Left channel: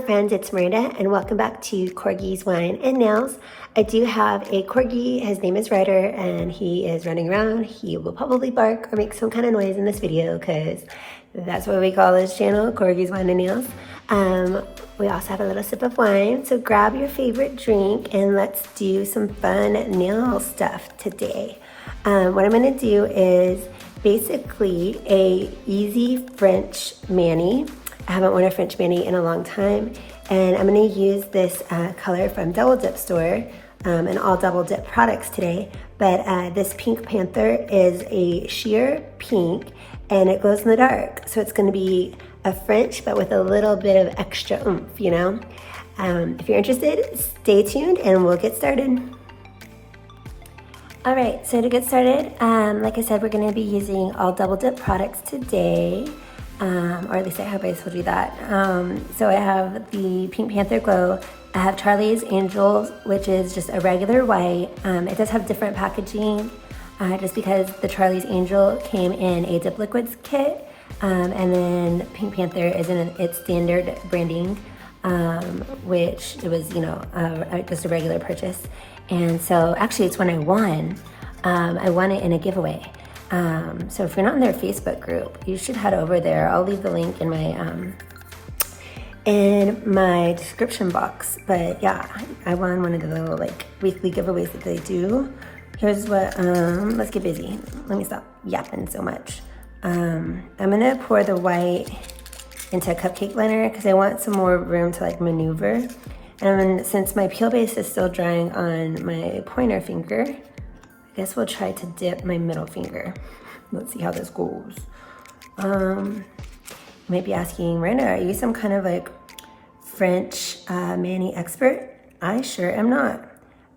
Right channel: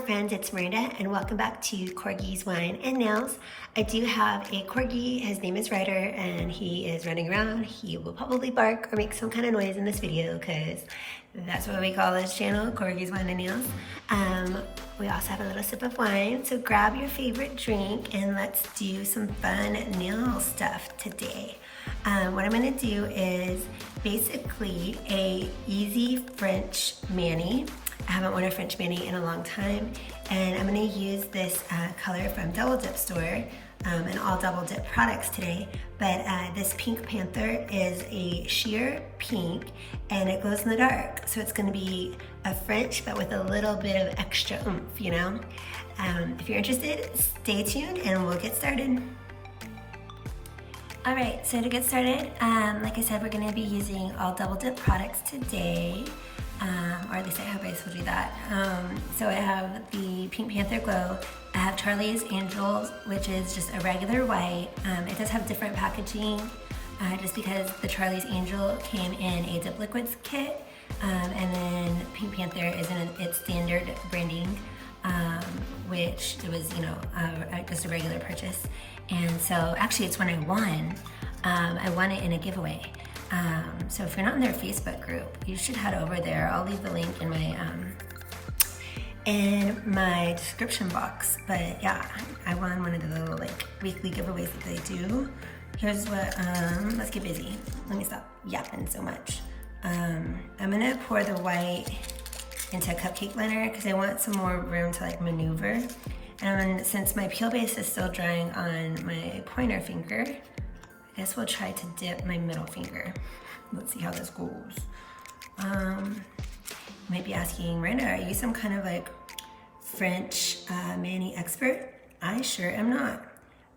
Hello friends, it's Miranda and welcome back to Corgi's Wine and Nails. I do have a Corgi, his name is Ryder, and he is running around. He will probably bark or make some kind of noise in this video because that's what we call this channel, Corgi's Wine and Nails. We also have a little sip of wine, so grab your favorite drink and let's do some fun nail stuff today. What I'm gonna do is basically a easy French mani. I haven't worn a French mani in a long time, and I'm gonna use this color from Double Dip store and all Double Dip products today. But this Pink Panther is a sheer pink and it glows in the dark. So it's gonna be a French, but with a little bit of extra oomph, you know? If you're interested, stay tuned and we'll get started. All right, so to get started, like I said, we're gonna be using all Double Dip products today. Or at least I hope I told you that. So I have the Pink Panther Glow. I have Charlie's Angels, which is just a regular white. It does have different packaging, just because the Charlie's Angel came in a Dip Liquids kit, and then Pink Panther is in its standard branding, which it was, you know, just a regular purchase. And so actually it's when I won it in a giveaway. So if you're not in their Facebook group, you should head over there. I'll leave the link in my description box. But yeah, I won one of the little like weekly giveaways that they do. Here's what, let's get busy. Let me stop yapping so much. I'm gonna pour the white into a cupcake blender because I want some more room to like maneuver. And since my peel base is still drying on my pointer finger, I guess we'll try to dip my middle finger. Let's see how this goes. You might be asking, Miranda, are you some kind of like French mani expert? I sure am not.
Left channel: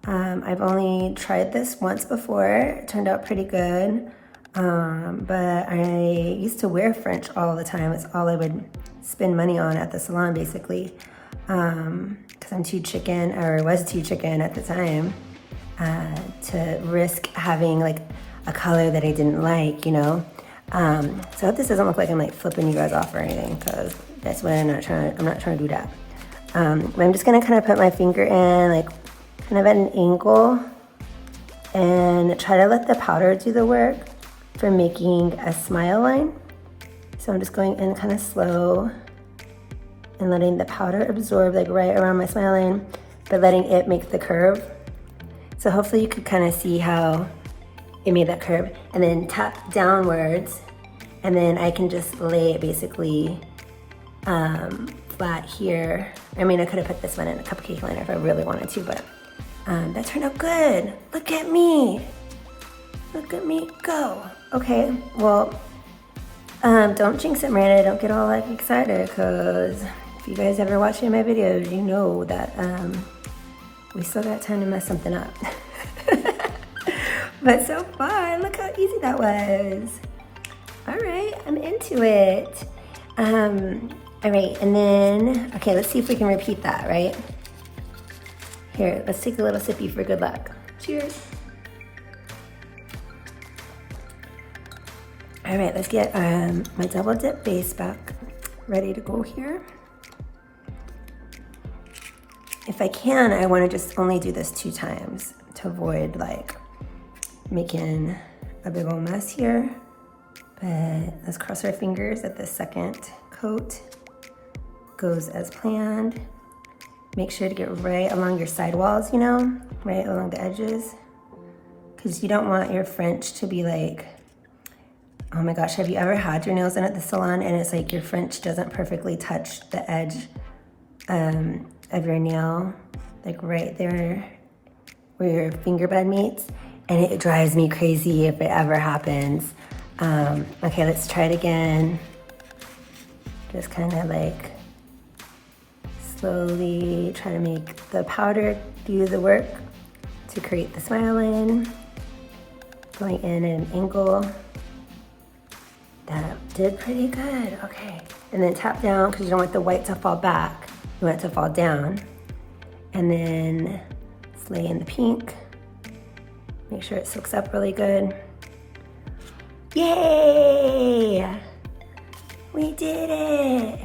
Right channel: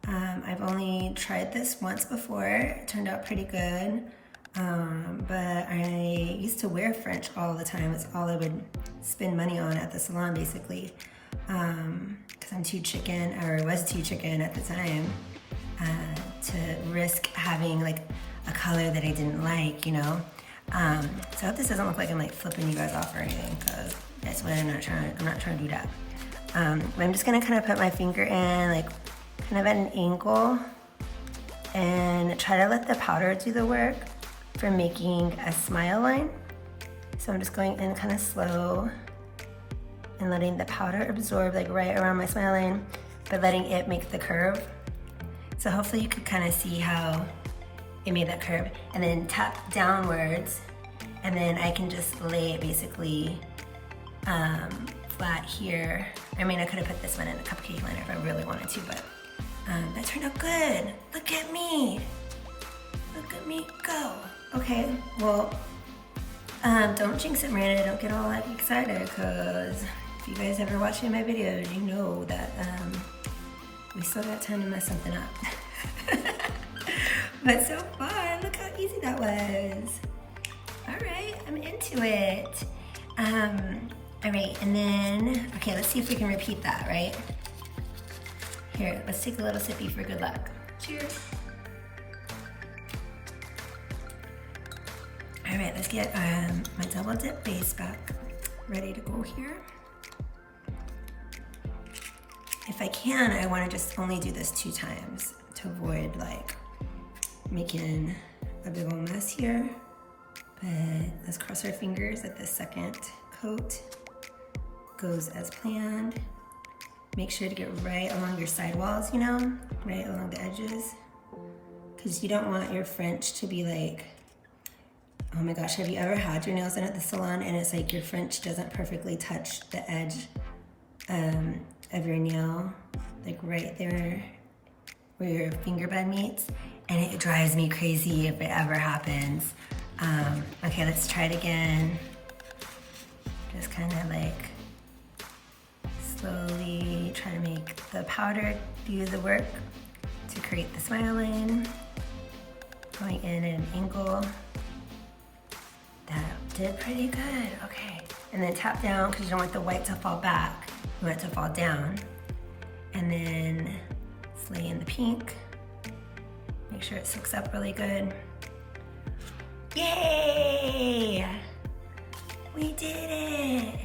I've only tried this once before. It turned out pretty good. But I used to wear French all the time. It's all I would spend money on at the salon basically. Because I'm too chicken, or was too chicken at the time. To risk having like a color that I didn't like, you know. So I hope this doesn't look like I'm like flipping you guys off or anything, because that's what I'm not trying to do that. But I'm just gonna kind of put my finger in like kind of at an angle and try to let the powder do the work for making a smile line. So I'm just going in kind of slow and letting the powder absorb like right around my smile line, but letting it make the curve. So hopefully you could kind of see how it made that curve, and then tap downwards, and then I can just lay it basically flat here. I mean, I could have put this one in a cupcake liner if I really wanted to, but that turned out good. Look at me. Look at me go. Okay, well, don't jinx it, Miranda. Don't get all like excited, because if you guys ever watch any of my videos, you know that we still got time to mess something up. But so far, look how easy that was. All right, I'm into it. All right, and then, okay, let's see if we can repeat that, right? Here, let's take a little sippy for good luck. Cheers. All right, let's get my Double Dip base back ready to go here. If I can, I want to just only do this 2 times to avoid like making a big old mess here. But let's cross our fingers that the second coat goes as planned. Make sure to get right along your sidewalls, you know, right along the edges, because you don't want your French to be like, oh my gosh, have you ever had your nails done at the salon and it's like your French doesn't perfectly touch the edge of your nail, like right there where your finger bud meets, and it drives me crazy if it ever happens. Okay, let's try it again. Just kind of like slowly try to make the powder do the work to create the smile line. Going in at an angle. That did pretty good, okay. And then tap down, because you don't want the white to fall back. You want it to fall down. And then lay in the pink. Make sure it soaks up really good. Yay! We did it!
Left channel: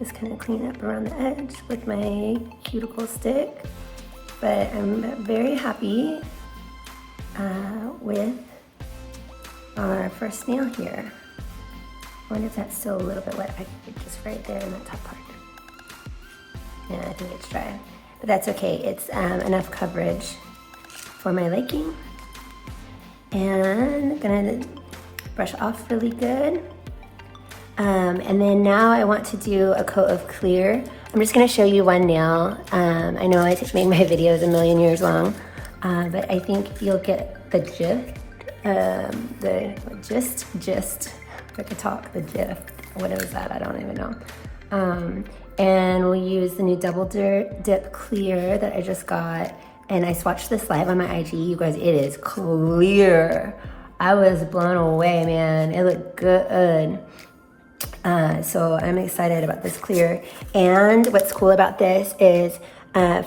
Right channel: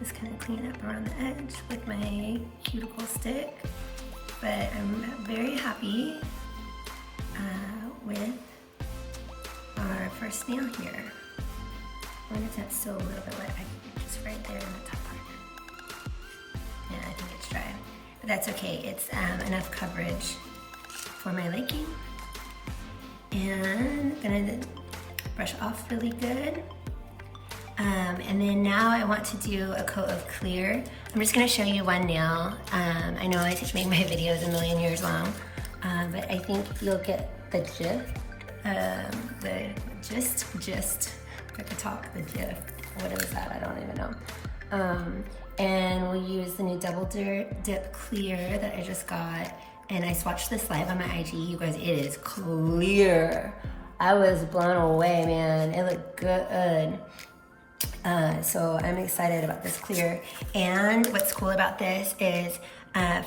just kind of clean up around the edge with my cuticle stick. But I'm very happy with our first nail here. When is that still a little bit wet? I think it's just right there in the top part. Yeah, I think it's dry, but that's okay. It's enough coverage for my liking. And I'm gonna brush off really good. And then now I want to do a coat of clear. I'm just gonna show you one nail. I know I just made my videos a million years long, but I think you'll get the gist. I could talk, the gist. What is that? I don't even know. And we'll use the new Double Dip Clear that I just got. And I swatched this live on my IG. You guys, it is clear. I was blown away, man. It looked good. So I'm excited about this clear. And what's cool about this is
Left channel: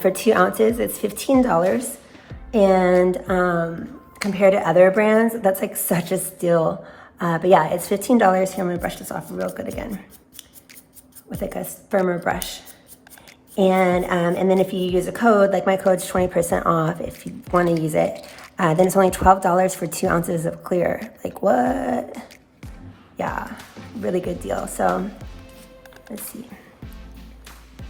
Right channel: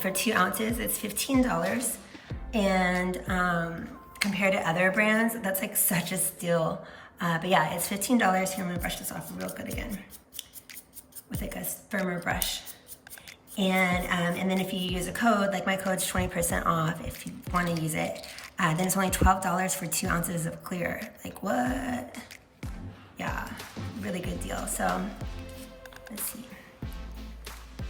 for 2 ounces, it's $15. And compared to other brands, that's like such a steal. But yeah, it's $15. Here, I'm gonna brush this off real good again with like a firmer brush. And then if you use a code, like my code's 20% off if you wanna use it, then it's only $12 for 2 ounces of clear. Like what? Yeah, really good deal. So let's see,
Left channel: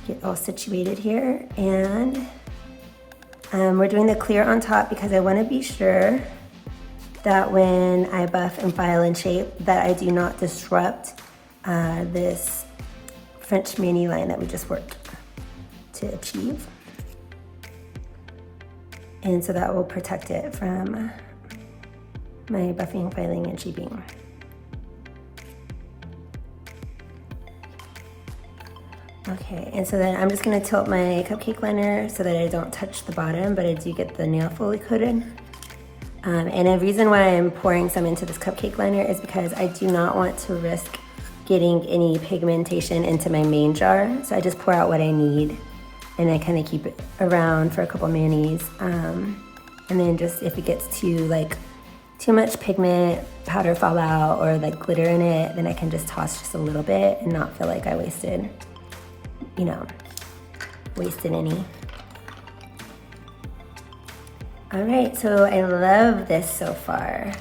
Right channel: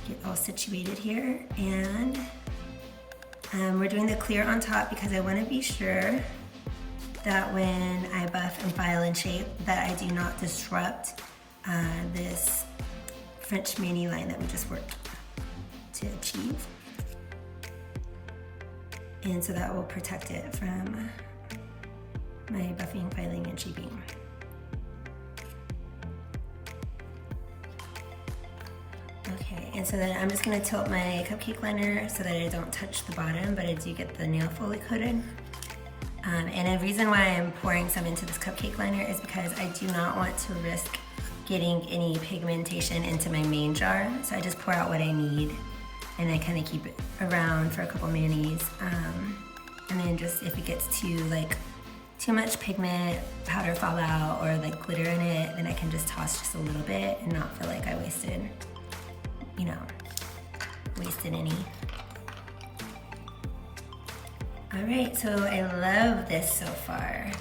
get all situated here. And we're doing the clear on top because I wanna be sure that when I buff and file and shape that I do not disrupt this French Mani line that we just worked to achieve. And so that will protect it from my buffing, filing, and shaping. Okay, and so then I'm just gonna tilt my cupcake liner so that I don't touch the bottom, but I do get the nail fully coated. And the reason why I'm pouring some into this cupcake liner is because I do not want to risk getting any pigmentation into my main jar. So I just pour out what I need and I kind of keep it around for a couple manis. And then just if it gets too much pigment, powder fall out, or like glitter in it, then I can just toss just a little bit and not feel like I wasted any. All right, so I love this so far.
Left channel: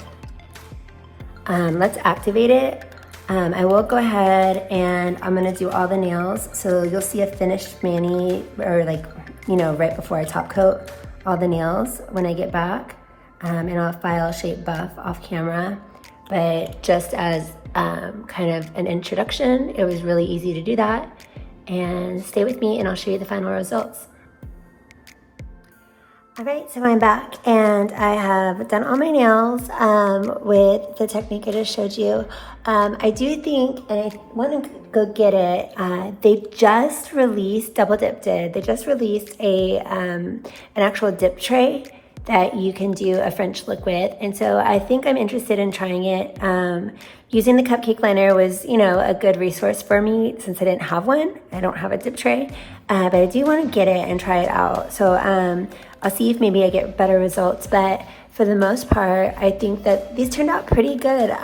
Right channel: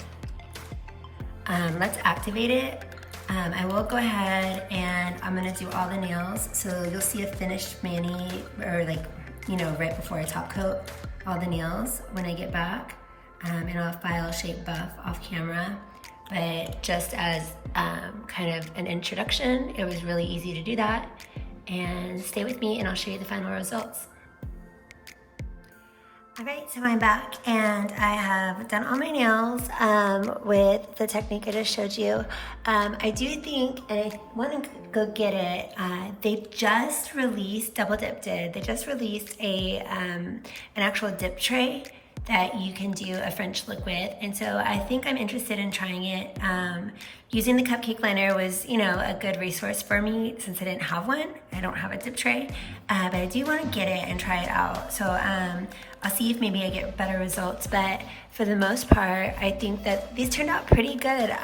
Let's activate it. I will go ahead and I'm gonna do all the nails. So you'll see a finished mani, or right before I top coat all the nails when I get back. And I'll file, shape, buff off camera. But just as kind of an introduction, it was really easy to do that. And stay with me and I'll show you the final results. All right, so I'm back and I have done all my nails with the technique I just showed you. I do think, and I want to go get it, they just released, Double Dip did, they just released an actual dip tray that you can do a French look with. And so I think I'm interested in trying it. Using the cupcake liner was, a good resource for me since I didn't have one. I don't have a dip tray, but I do want to get it and try it out. So I'll see if maybe I get better results. But for the most part, I think that these turned out pretty good.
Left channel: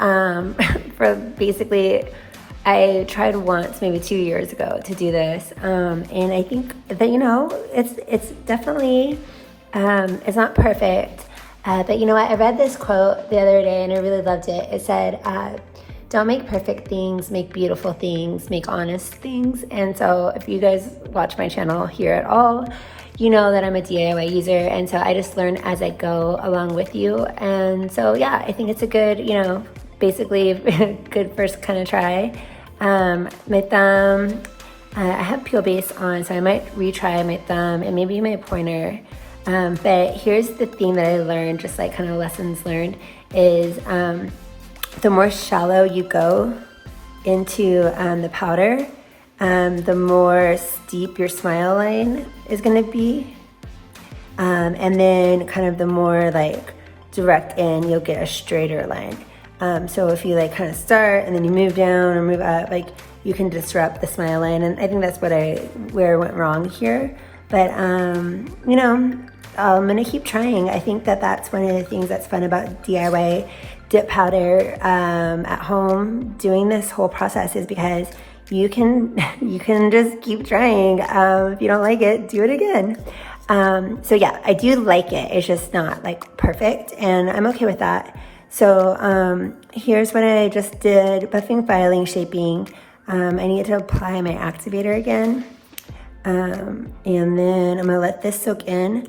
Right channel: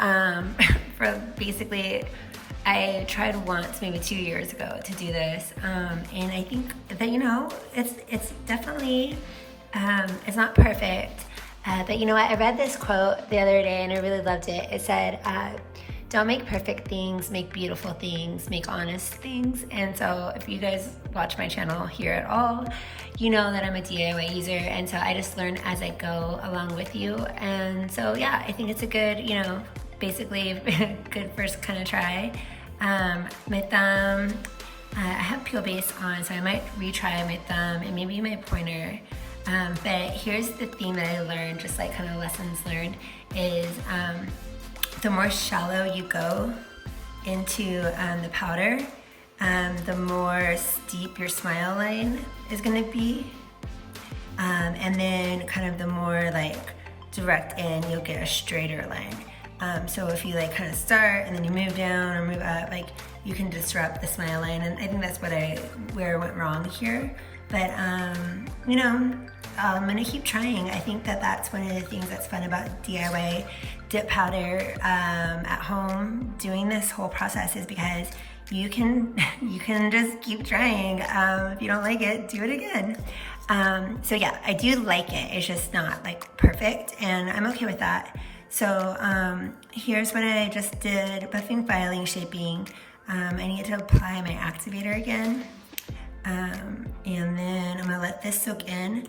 For basically, I tried once, maybe 2 years ago, to do this. And I think that, it's definitely, it's not perfect. But you know what? I read this quote the other day and I really loved it. It said, don't make perfect things, make beautiful things, make honest things. And so if you guys watch my channel here at all, you know that I'm a DIY user. And so I just learn as I go along with you. And so, yeah, I think it's a good, basically good first kind of try. My thumb, I have peel base on, so I might retry my thumb and maybe my pointer. But here's the theme that I learned, just like kind of lessons learned, is the more shallow you go into the powder, the more steep your smile line is gonna be. And then kind of the more direct in, you'll get a straighter line. So if you kind of start and then you move down or move up, you can disrupt the smile line. And I think that's where I went wrong here. But, I'm gonna keep trying. I think that that's one of the things that's fun about DIY dip powder at home, doing this whole process, is because you can just keep trying. If you don't like it, do it again. So yeah, I do like it. It's just not like perfect, and I'm okay with that. So here's what I just did: buffing, filing, shaping. I need to apply my activator again. And then I'm gonna let this soak in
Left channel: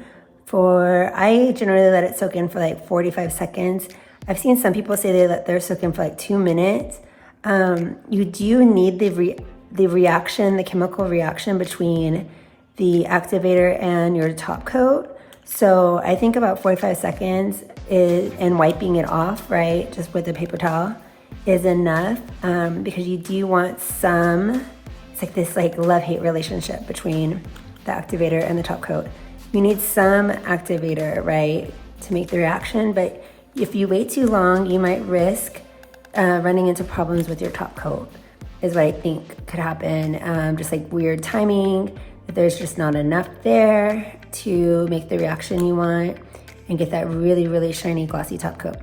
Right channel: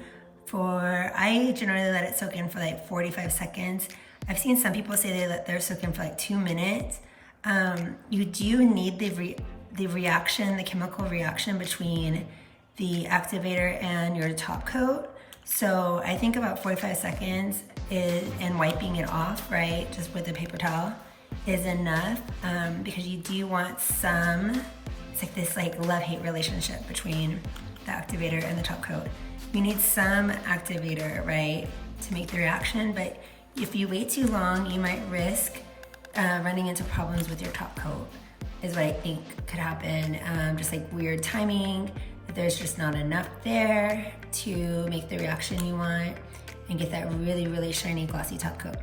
I generally let it soak in for like 45 seconds. I've seen some people say they let theirs soak in for like 2 minutes. You do need the reaction, the chemical reaction between the activator and your top coat. So I think about 45 seconds and wiping it off, right, just with a paper towel is enough, because you do want it's like this like love-hate relationship between the activator and the top coat. You need some activator, right, to make the reaction, but if you wait too long, you might risk running into problems with your top coat, is what I think could happen. Just like weird timing, if there's just not enough there to make the reaction you want and get that really, really shiny, glossy top coat.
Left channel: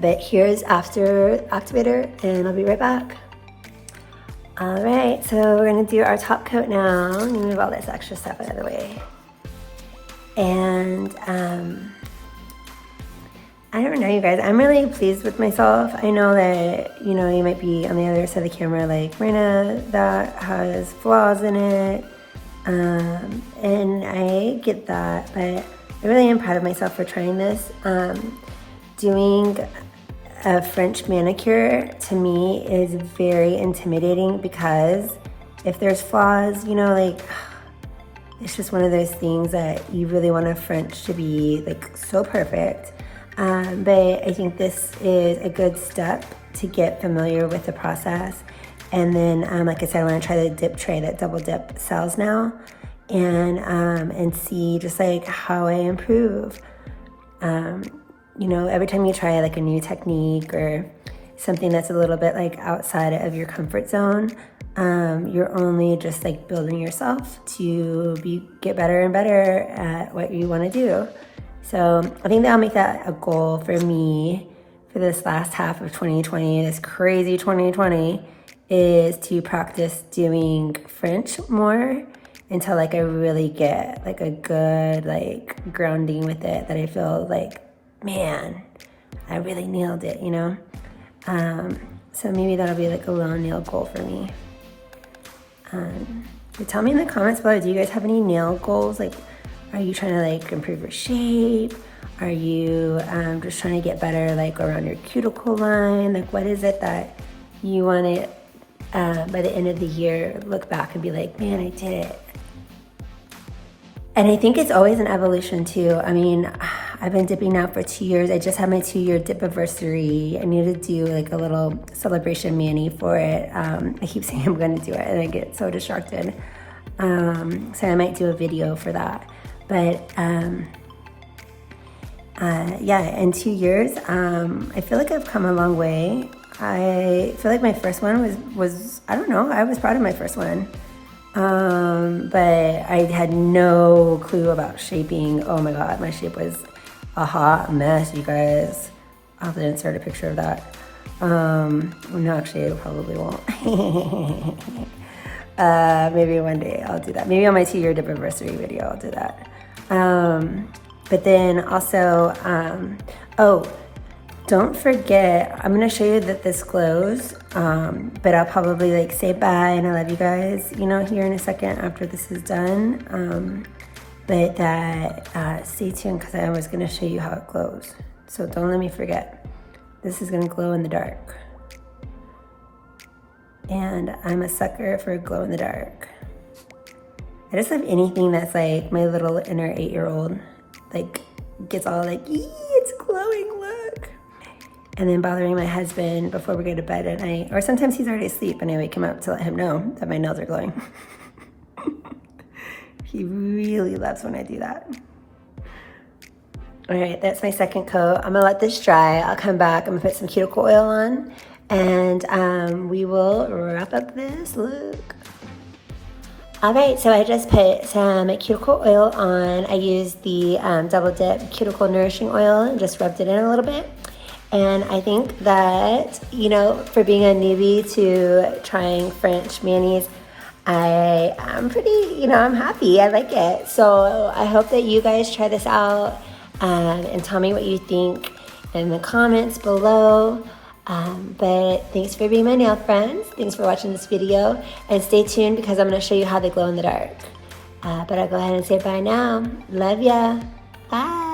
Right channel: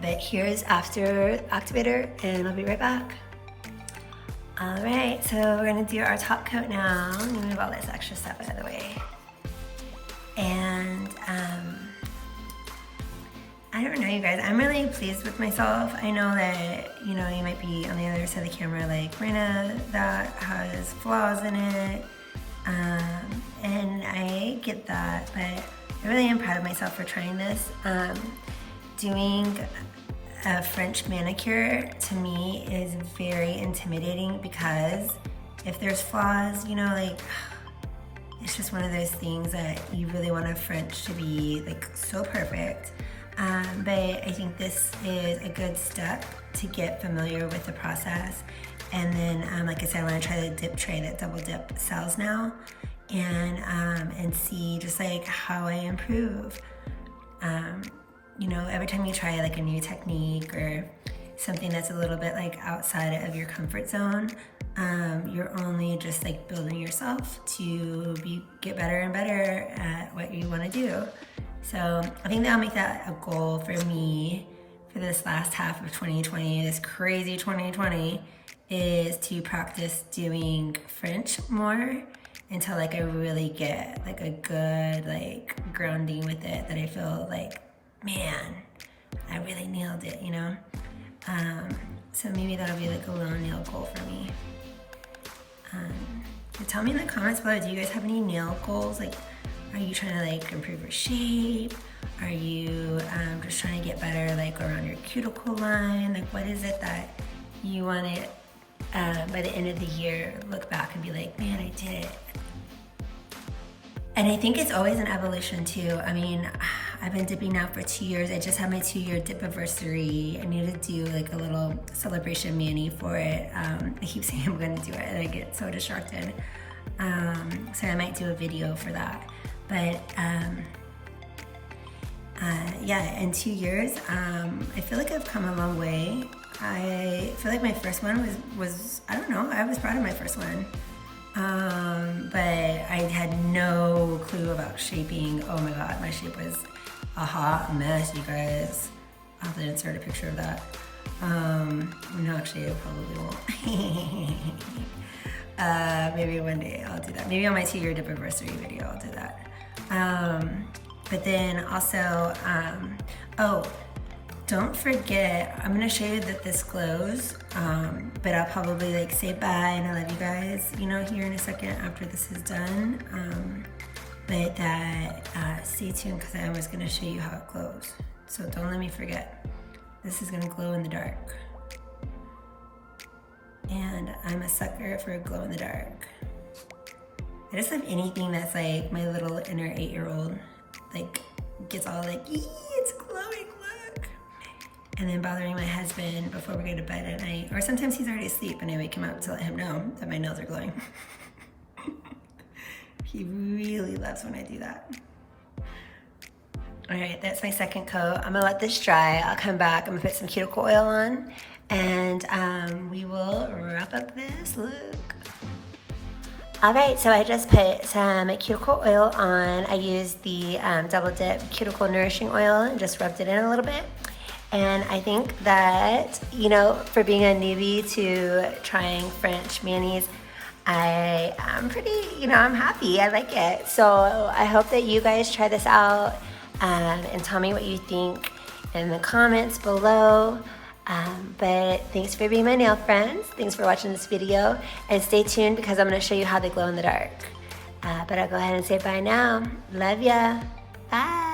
But here's after activator, and I'll be right back. All right, so we're gonna do our top coat now. Let me move all this extra stuff out of the way. And I don't know, you guys, I'm really pleased with myself. I know that, you know, you might be on the other side of the camera like, Marina, that has flaws in it. And I get that, but I really am proud of myself for trying this. Doing a French manicure to me is very intimidating, because if there's flaws, you know, like, it's just one of those things that you really want a French to be like so perfect. But I think this is a good step to get familiar with the process. And then, like I said, I want to try the dip tray that Double Dip sells now, and see just like how I improve. You know, every time you try like a new technique or something that's a little bit like outside of your comfort zone, you're only just like building yourself to get better and better at what you want to do. So I think that I'll make that a goal for me for this last half of 2020, this crazy 2020, is to practice doing French more until like I really get like a good like grounding with it, that I feel like, man, I really nailed it, you know? So maybe that'll be like a little nail goal for me. So tell me in the comments below, do you guys have any nail goals? Like, are you trying to like improve your shape? Are you just trying to get better like around your cuticle line? Like, what is it that you want to, by the end of the year, look back and be like, man, I did it? And I think it's always an evolution too. I mean, I've been dipping now for 2 years. I just had my 2-year dip anniversary. I need to do like a little celebration mani for it. I keep saying I'm gonna do it and I get so distracted. So I might do a video for that. But yeah, in 2 years, I feel like I've come a long way. I feel like my first one was I don't know, I was proud of my first one. But I had no clue about shaping. Oh my God, my shape was a hot mess, you guys. I'll have to insert a picture of that. No, actually, I probably won't. Maybe one day I'll do that. Maybe on my 2-year dip anniversary video, I'll do that. But then also, oh, don't forget, I'm gonna show you that this glows, but I'll probably like say bye and I love you guys, you know, here in a second after this is done. But that, stay tuned, because I was gonna show you how it glows. So don't let me forget. This is gonna glow in the dark. And I'm a sucker for glow in the dark. I just love anything that's like my little inner 8-year-old, like gets all like, it's glowing, look. And then bothering my husband before we go to bed at night. Or sometimes he's already asleep and I wake him up to let him know that my nails are glowing. He really loves when I do that. All right, that's my second coat. I'm gonna let this dry. I'll come back, I'm gonna put some cuticle oil on, and we will wrap up this look. All right, so I just put some cuticle oil on. I used the Double Dip Cuticle Nourishing Oil and just rubbed it in a little bit. And I think that, you know, for being a newbie to trying French manis, I'm pretty, you know, I'm happy. I like it. So I hope that you guys try this out and tell me what you think in the comments below. But thanks for being my nail friends. Thanks for watching this video. And stay tuned because I'm going to show you how they glow in the dark. But I'll go ahead and say bye now. Love ya. Bye.